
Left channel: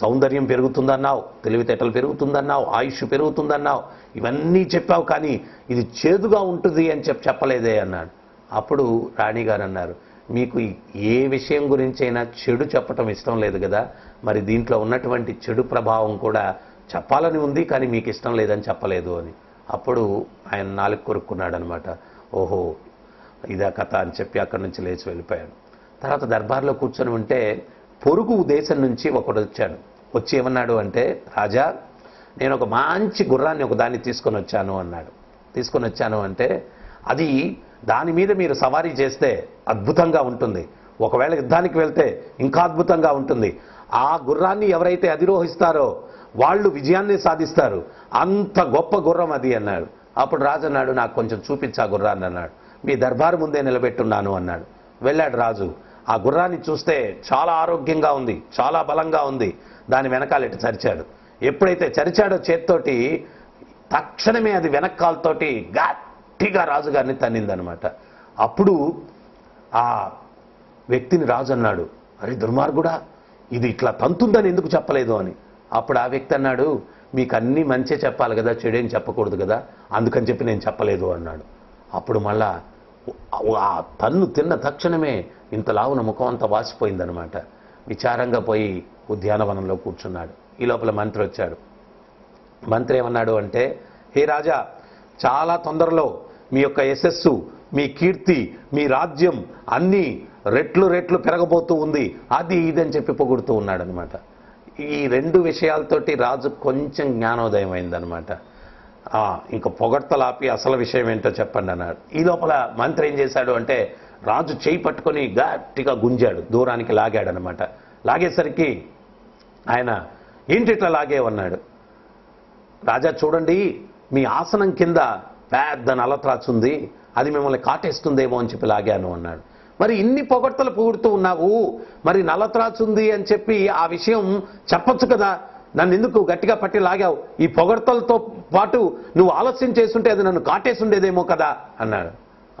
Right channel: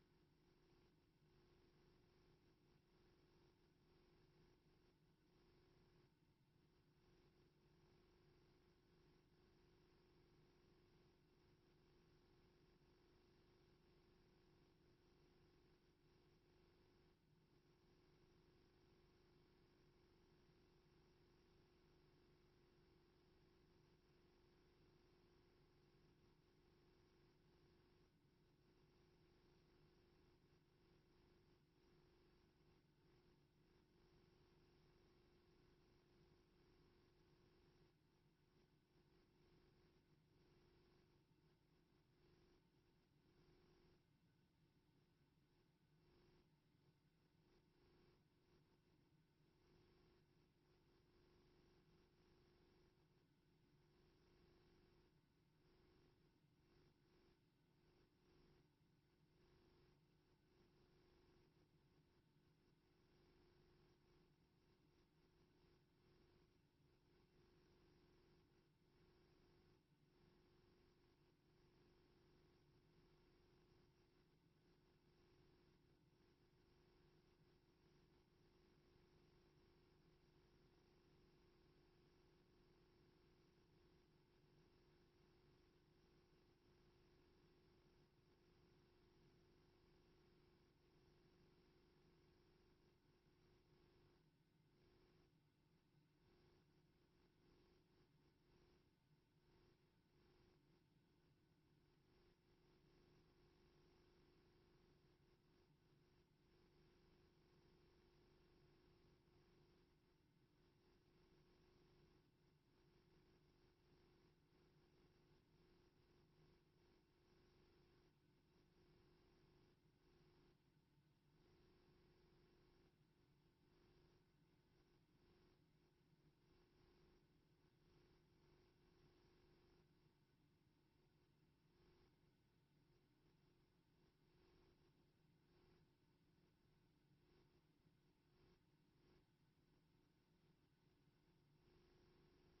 సౌందర్యం పెరుగుతుందన్నావు, తెలివితేటలు పెరుగుతుందన్నావు, ఆయుష్ పెరుగుతుందన్నావు, ఇవన్నీ చెప్పావు, కానీ ఇది చేదుగా ఉంటుంది అని చెప్పలేదే అన్నాడు. అప్పుడు రాణిగారు అన్నారు, మీకు ఏ విషయం గురించైనా చెడు చెప్పటం ఇష్టం లేదు కదా, మరి దీంట్లో ఉన్నటువంటి చెడు ప్రభావం కూడా చెప్పాలని ఉంది, కానీ మీకు ఇష్టం లేదని చెప్పలేదు అని. అప్పుడు ఆయన నాలుగు కొరుక్కున్నాడు అనమాట. ఓహో ఇదా కథ అని చెప్పి అక్కడి నుంచి లేచి వెళ్ళిపోయాడు. తర్వాత దర్బార్లో కూర్చొని ఉంటే పొరుగు దేశం నుంచి ఒకడు వచ్చాడు. వచ్చి ఏమన్నాడు అంటే, రాజా నేను ఒక మంచి గుర్రాన్ని ఒక దాన్ని తీసుకొని వచ్చాను అన్నాడు. తీసుకొని వచ్చాను అంటే, అది దాని మీద మీరు సవారీ చేస్తే అద్భుతంగా ఉంటుంది, ఒకవేళ యుద్ధానికి వెళ్తే ఇంకా అద్భుతంగా ఉంటుంది, ఆ గుర్రాన్ని ఎవరైతే అధిరోహిస్తారో వాళ్ళు విజయాన్ని సాధిస్తారు, అంత గొప్ప గుర్రం అది అన్నాడు. అప్పుడు రాజు అన్నాడు, నాకు కొంచెం చూపించా గుర్రాన్ని అన్నాడు. మీ దర్బారు ముందే నిలబెట్టున్నాను అన్నాడు. వెళ్ళాడు రాజు. ఆ గుర్రాన్ని చూస్తే చాలా ఆరోగ్యంగా ఉంది, చాలా బలంగా ఉంది. దాని వెనకాల ఇటు చరిచాడు. ఎప్పుడైతే చరిచాడో చేత్తోటి, తక్షణమే అది వెనక్కాలతోటి గట్టిగా రాజుగారిని తన్నిందనమాట. అప్పుడు ఆ వ్యక్తిని రాజు అన్నాడు, అరే దుర్మార్గుడా, ఇది ఇట్లా తంతుందని ఎందుకు చెప్పలేదు అని. అప్పుడు ఆ వ్యక్తి అన్నాడు, మీకు అన్నీ మంచే చెప్పాలి కదా, చెడేం చెప్పకూడదు కదా, అందుకని చెప్పి నేను చెప్పలేదు అన్నాడు. అప్పుడు మళ్ళా ఆ తన్ను తిన్న తక్షణమే ఇంత లావున ముఖం అంతా వాసిపోయిందనమాట. విచారంగా పోయి ఉద్యానవనంలో కూర్చున్నాడు. ఈ లోపల మంత్రి వచ్చాడు. మంత్రి ఏమన్నాడు అంటే, హే రాజా, చాలా తొందరలో మీ యొక్క యశస్సు, మీ కీర్తి, మీ రాజ్యం అన్నీ రెట్లు రెట్లు పెరగబోతూ ఉంది, అది ఇదని చెప్పి పొగుడుతూ ఉన్నాడు అనమాట. ఈ రెండు విషయాలతోటి రాజు కొంచెం జ్ఞానోదయం అయిందనమాట. ఇంకా పొగడ్తలాపి అసలు విషయం ఏంటో చెప్పండి అన్నాడు. ఈ లోపల మంత్రి ఏం చేశాడు అంటే, రాజు చేయి పట్టుకొని గట్టిగా గుంజాడు, దూరానికి లాగాడనమాట. లాగేసరికి ఆయన ఏంటి ఇట్లా లాగేవన్నాడు. రాజా చూడండి, మీ ఆసనం కింద పెద్ద నల్లత్రాచుంది, అది మిమ్మల్ని కాటేస్తుందేమో అని చెప్పి లాగాను అన్నాడు. మరి ఇన్ని పొగడ్తలు పొగుడుతూ ఉన్నావు, మరి నల్లత్రాచుంది అని చెప్పి ఆ విషయం చెప్పొచ్చు కదా, నన్ను ఎందుకు గట్టిగా పట్టి లాగావు? ఈ పొగడ్తలతో పాటు నువ్వు ఆలస్యం చేస్తుంటే అది నన్ను కాటేసుండేదేమో కదా అన్నాడు.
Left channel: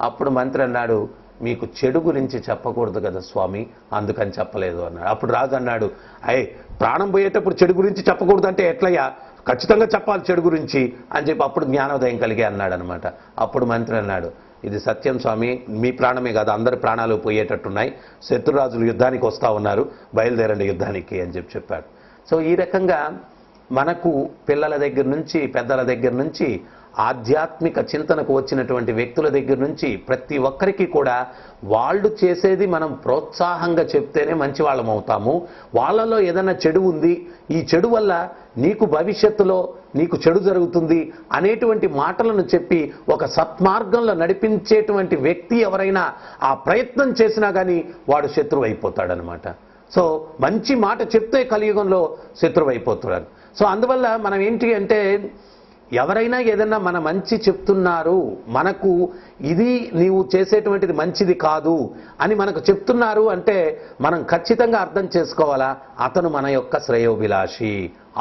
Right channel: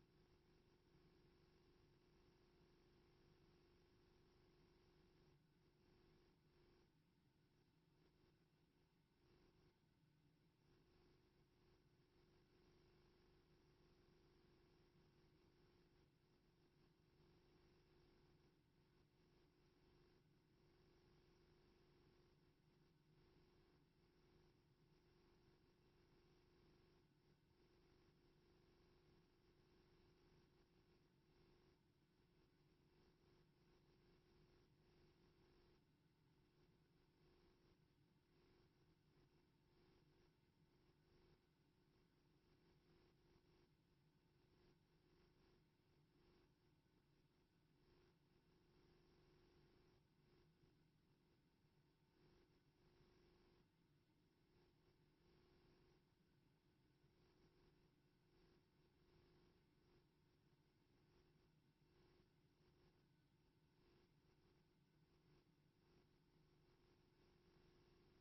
అప్పుడు మంత్రి అన్నాడు, మీకు చెడు గురించి చెప్పకూడదు కదా స్వామి, అందుకని చెప్పలేదు అన్నాడు. అప్పుడు రాజు అన్నాడు, అయ్యే ప్రాణం పోయేటప్పుడు చెడు గురించి చెప్పకూడదు అంటే ఎట్లయ్యా, ఖచ్చితంగా చెప్పాలి చెడు గురించి అని చెప్పి అప్పుడు జ్ఞానోదయం కలిగే అన్నాడు అనమాట. అప్పుడు మంత్రి అన్నాడు, ఇది సత్యం స్వామి, మీ ప్రాణమే కాదు అందరి ప్రాణాలు పోయేటట్టున్నాయి, శత్రురాజులు యుద్ధానికి వస్తూ ఉన్నారు, బయలుదేరండి యుద్ధానికి అని చెప్పాడు. సో ఈ రకంగా మనకు పిల్లల దగ్గర నుంచి పెద్దల దగ్గర నుంచి ఆధ్యాత్మిక చింతనకు వచ్చినటువంటి వ్యక్తుల దగ్గర నుంచి ప్రతి ఒక్కరికి కూడా వాళ్ళు చేసేది మనం ప్రోత్సాహంగా చెప్తేనే మంచి వాళ్ళం అవుతాము. వాళ్ళలో ఏదైనా చెడు ఉంది, ఈ చెడు వల్ల నీకు భవిష్యత్తులో నీకు చెడు జరుగుతుంది అనేటువంటి మాటలను చెప్పి ఒక సత్మార్గంలో నడిపించేటువంటి వ్యక్తి ఎవరైనా ఆ ప్రయత్నం చేసినా కానీ వాడు శత్రువు అయిపోతాడనమాట. సో మంచి మాట చెప్తే కలియుగంలో శత్రువు అయిపోతాడు. సో అందువల్ల మనం ఏంటి అంటే, ఎవరైనా ఏదైనా మన మంచి చెప్తున్నారు, మనకు ఇది నీవు చేసేటువంటిది మంచిది కాదు అని మనకు చెప్తున్నారు అంటే మనం ఖచ్చితంగా అర్థం చేసుకోవాలా, అతను మన యొక్క శ్రేయోభిలాషి.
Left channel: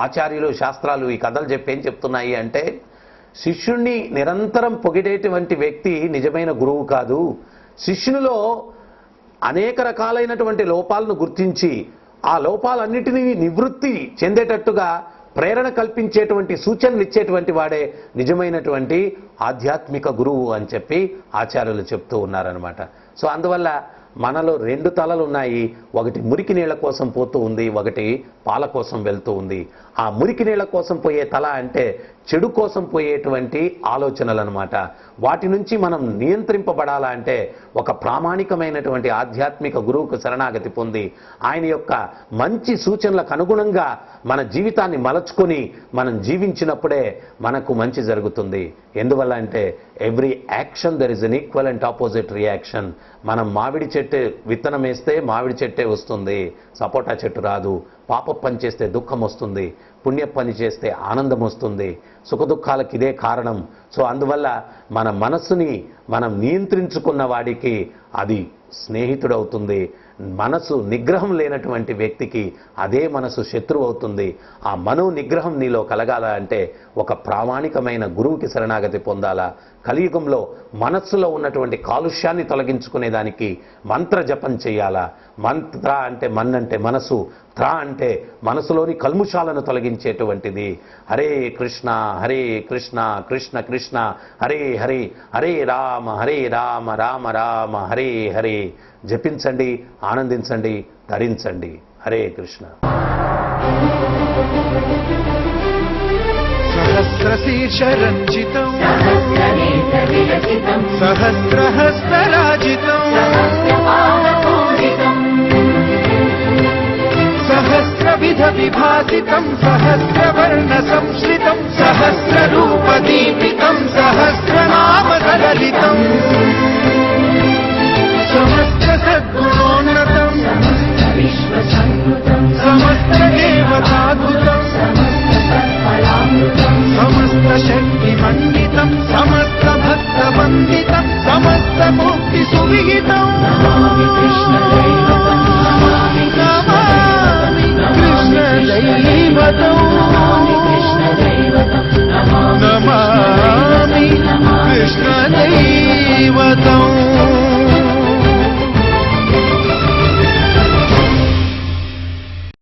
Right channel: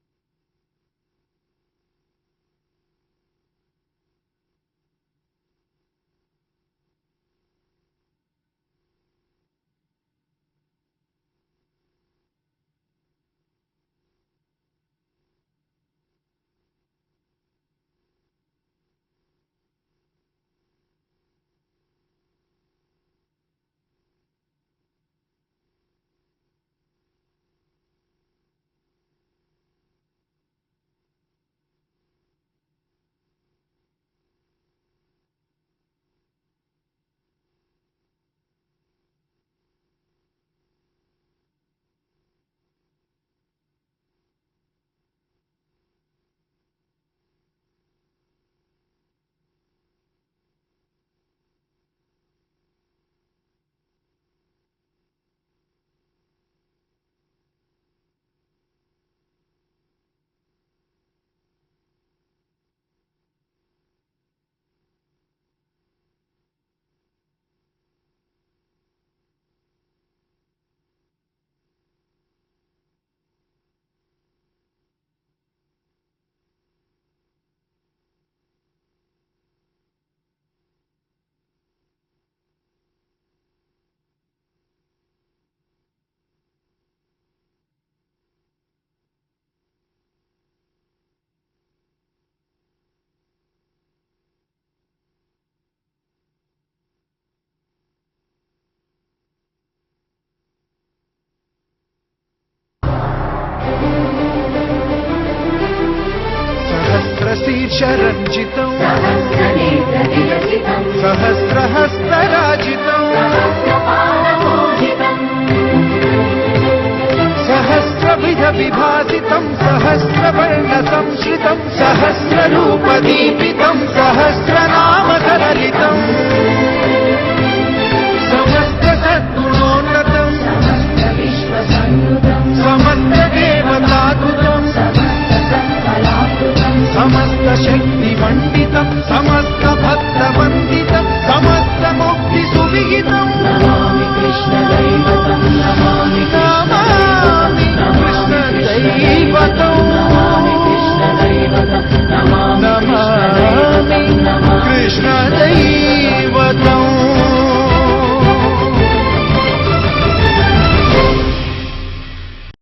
ఆచార్యులు శాస్త్రాలు ఈ కథలు చెప్పి ఏం చెప్తున్నాయి అంటే, శిష్యుణ్ణి నిరంతరం పొగిడేటువంటి వ్యక్తి నిజమైన గురువు కాదు. శిష్యునిలో అనేక రకాలైనటువంటి లోపాలను గుర్తించి ఆ లోపాలన్నిటినీ నివృత్తి చెందేటట్టుగా ప్రేరణ కల్పించేటువంటి సూచనలు ఇచ్చేటువంటి వాడే నిజమైనటువంటి ఆధ్యాత్మిక గురువు అని చెప్పి ఆచార్యులు చెప్తూ ఉన్నారనమాట. సో అందువల్ల మనలో రెండు తలలు ఉన్నాయి. ఒకటి మురికి నీళ్ల కోసం పోతూ ఉంది, ఒకటి పాల కోసం వెళ్తూ ఉంది. ఆ మురికి నీళ్ల కోసం పోయే తల అంటే చెడు కోసం పోయేటువంటి ఆలోచనలు అనమాట. వాటి నుంచి మనం నియంత్రింపబడాలా అంటే ఒక ప్రామాణికమైనటువంటి ఆధ్యాత్మిక గురువుకు శరణాగతి పొంది ఆయన యొక్క మంచి సూచనలకు అనుగుణంగా మన జీవితాన్ని మలచుకొని మనం జీవించినప్పుడే మనకు మంచి జరుగుతుంది. ఎందువల్ల అంటే every action there is an equal and opposite reaction. మనం మామిడి చెట్టు విత్తనం వేస్తే మామిడి చెట్టే వస్తుంది, సపోటా చెట్టు రాదు. పాప పని చేస్తే దుఃఖం వస్తుంది, పుణ్య పని చేస్తే ఆనందం వస్తుంది. సుఖదుఖాలకు ఇదే కారణం. సో అందువల్ల మన మనస్సుని మనం నియంత్రించుకున్న వాడికి అది స్నేహితుడవుతుంది. మనసు నిగ్రహం లేనటువంటి వ్యక్తికి అదే మనసు శత్రువు అవుతుంది. ఆ మనో నిగ్రహం నీలో కలగాల అంటే ఒక ప్రామాణికమైన గురువుకి శరణాగతి పొందాలా. కలియుగంలో మనస్సులో ఉన్నటువంటి కాలుష్యాన్ని తొలగించుకునేదానికి మంత్ర జపం చేయాలా. మంత్ర అంటే మన్ అంటే మనసు, త్ర అంటే మనసులోని కల్ముషాలను తొలగించేటువంటిది. హరే కృష్ణ కృష్ణ కృష్ణ హరే హరే, హరే రామ రామ రామ హరే హరే. జపించండి, ఆనందించండి, ధరించండి. హరే కృష్ణ. సహస్రశీర్షరంజితం సహస్రహస్తరాజితం సహస్రవిధ విభాసితం సహస్రవర్ణ సంశ్రితం సహస్రరూపదీపి